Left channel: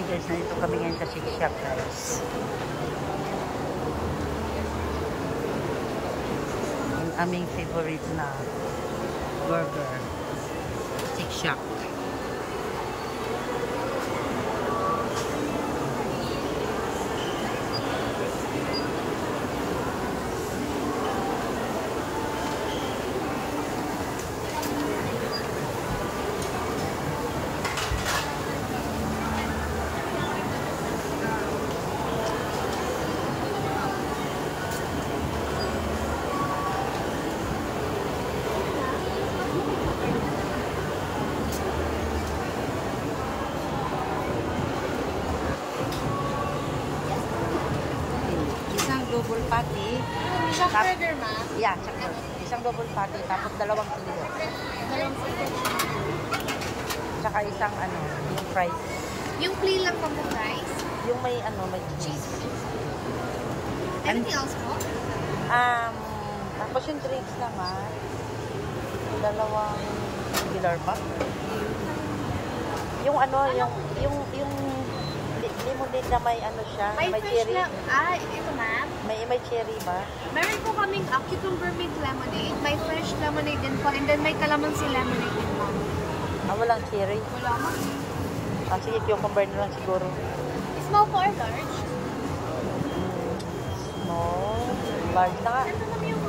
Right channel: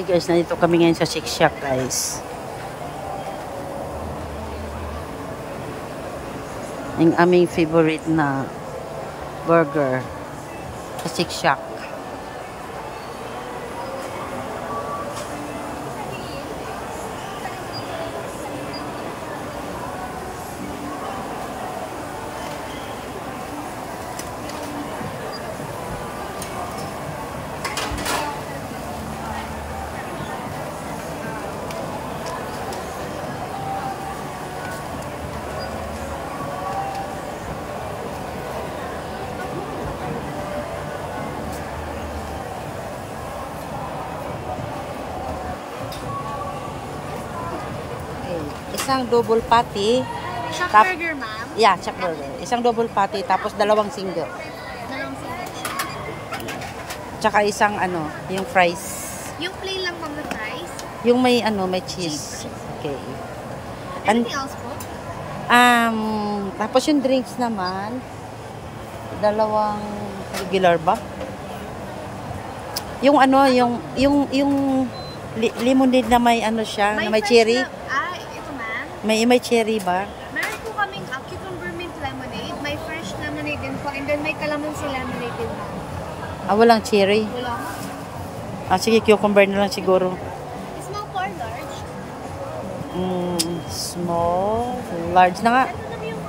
Hi guys, nandito kami ngayon sa Shake Shack guys. Yung aming favorite na burger sa Shake Shack. Isang double patty. Shack burger, ma'am? Yeah, shack burger. Isang double patty, tapos dalawang single. Dalawang single. Tsaka isang yung fries. Yung plain lang naman fries? Yung may may cheese. Okay. Anything else po? Tapos yung drinks naman, dalawang regular ba? Yung yung lemonade na may siya, na may cherry. Ito ma'am. May cherry ba? Meron po kaming cucumber mint lemonade, may fresh lemonade din po, and then may calamansi lemonade din po. Walang cherry. Wala mo? Sige, cucumber na lang siguro. Small po or large? Small. Large na nga. Ito naman yung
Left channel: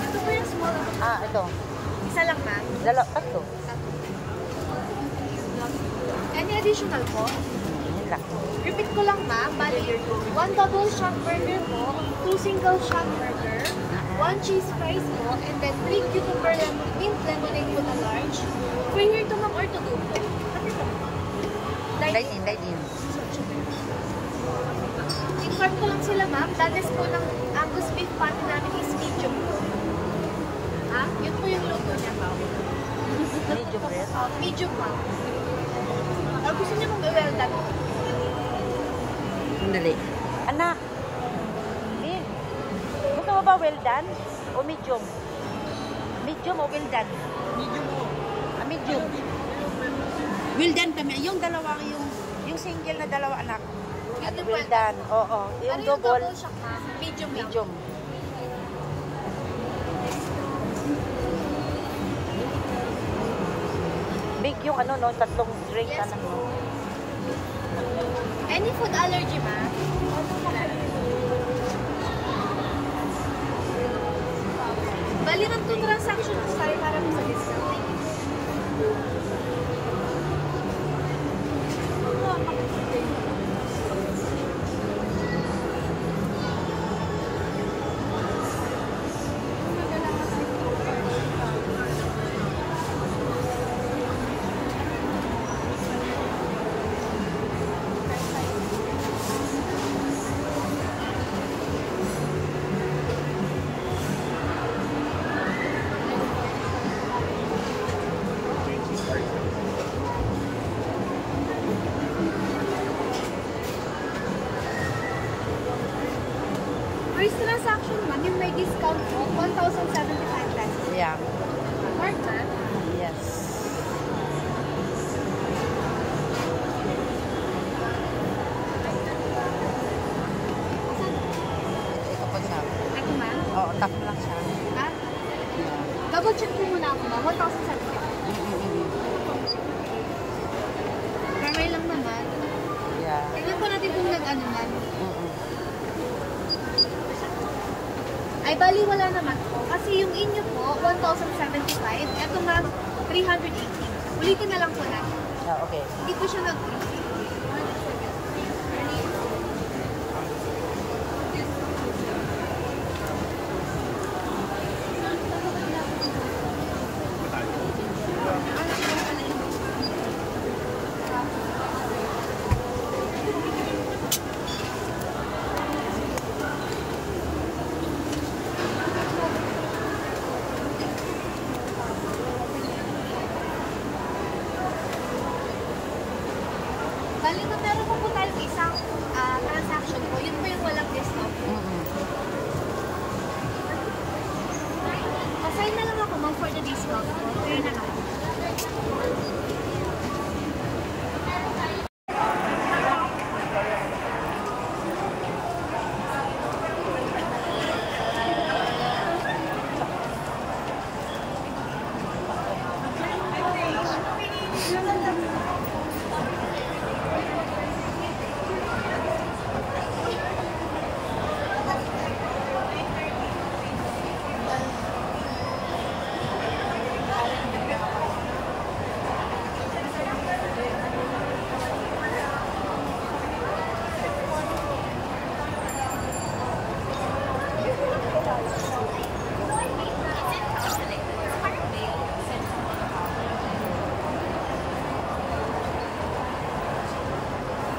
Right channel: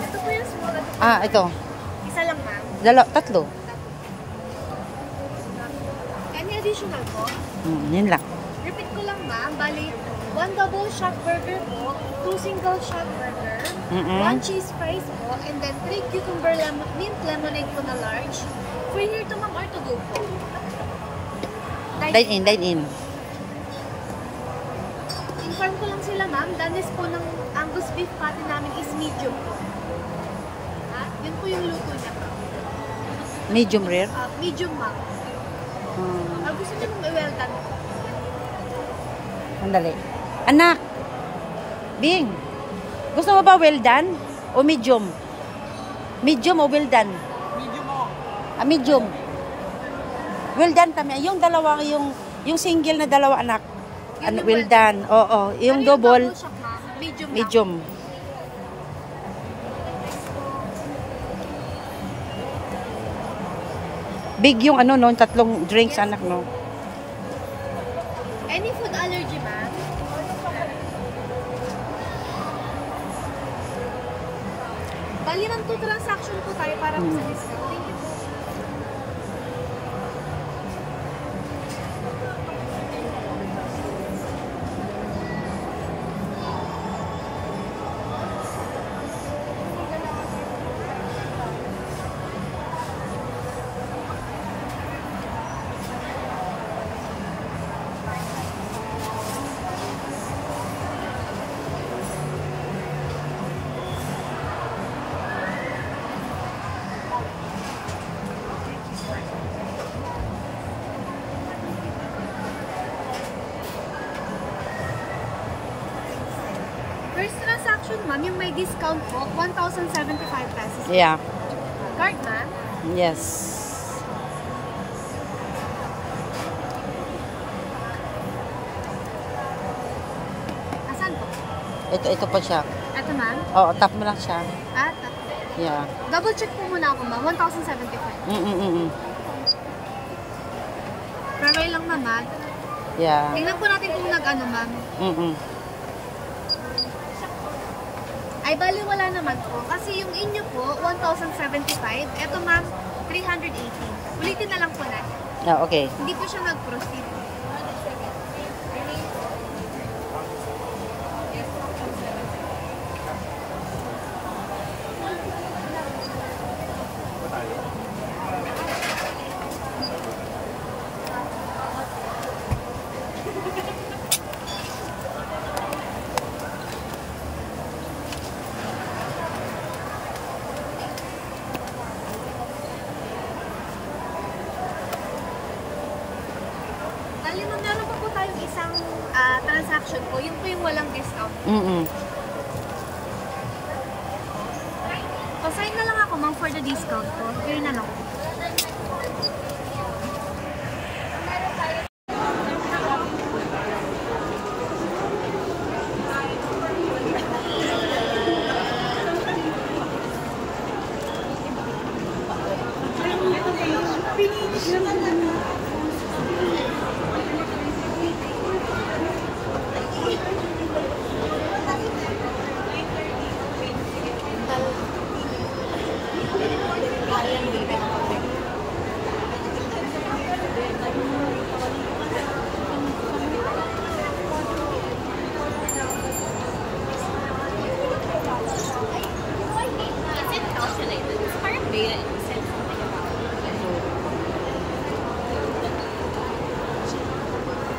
ito po yung small. Ito. Isa lang ma'am? Tatlo. Any additional po? Yun lang. Repeat ko lang ma'am, bali 1 double shack burger po, 2 single shack burger, 1 cheese fries po, and then 3 cucumber mint lemonade po na large. Free here to ma'am or to go po? Dine in. Inform ko lang sila ma'am, danis po ng Angus beef patty namin is medium po. Yun po yung luto niya ma'am. Medium rare? Medium ma'am. Gusto niya mong well done. Sandali. Anak! Bing! Gusto mo ba well done? O medium? Medium o well done? Medium mo. Medium. Well done kami. Yung dalawa, yung single na dalawa anak. Well done. Oo. Yung double. Shock, medium. Medium. Big yung tatlong drinks anak no. Any food allergy ma'am? Bali ng 2 transaction po tayo para po sa discount. Thank you. First transaction, ma'am, yung may discount po, 1,075 pesos. Yeah. Card, ma'am? Yes. Asan? Ito po siya. Ito, ma'am? Oo, tap mo lang siya. Yeah. Double check po muna ako, ma'am. 1,075. Harmay lang, ma'am. Yeah. Tingnan po natin kung ma'am. Ay, bali wala naman po. Kasi yung inyo po, 1,075. Ito, ma'am, 380. Ulitin na lang po natin. Okay. Hindi po siya nag-proceed. Bali, ma'am, meron pa po tayong isang transaction po. Yun po yung walang discount. Pasign na lang ako, ma'am, for the discount po. Yun na lang.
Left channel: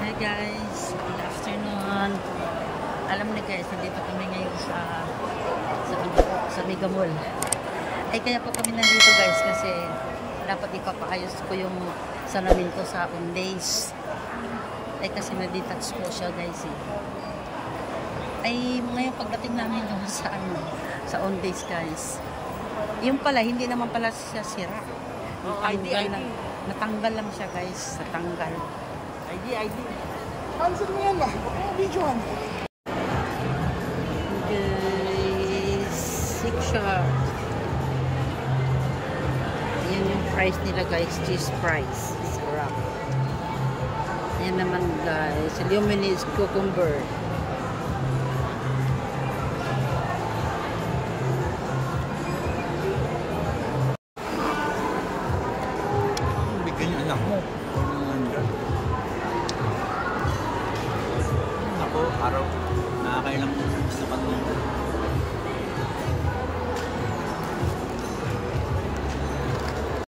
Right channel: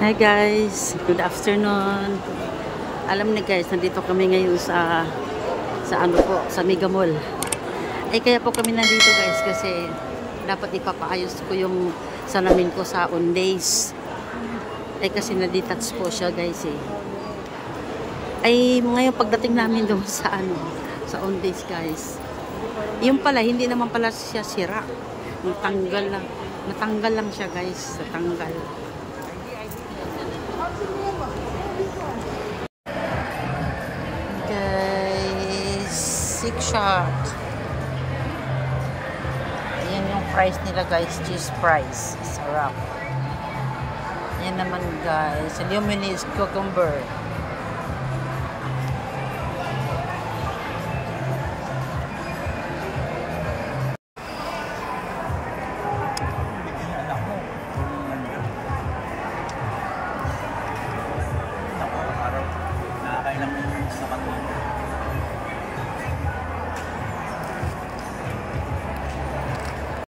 Hi guys, good afternoon. Alam na guys, nandito kami ngayon sa ano po, sa Mega Mall. Ay kaya po kami nandito guys kasi dapat ipapaayos ko yung salamin ko sa Owndays. Ay kasi na-detach po siya guys eh. Ay ngayon pagdating namin doon sa ano, sa Owndays guys. Yung pala, hindi naman pala siya sira. Natanggal lang siya guys, natanggal. Guys, Six Shop. Yan yung price nila guys, cheese fries. Sarap. Yan naman guys, luminous cucumber.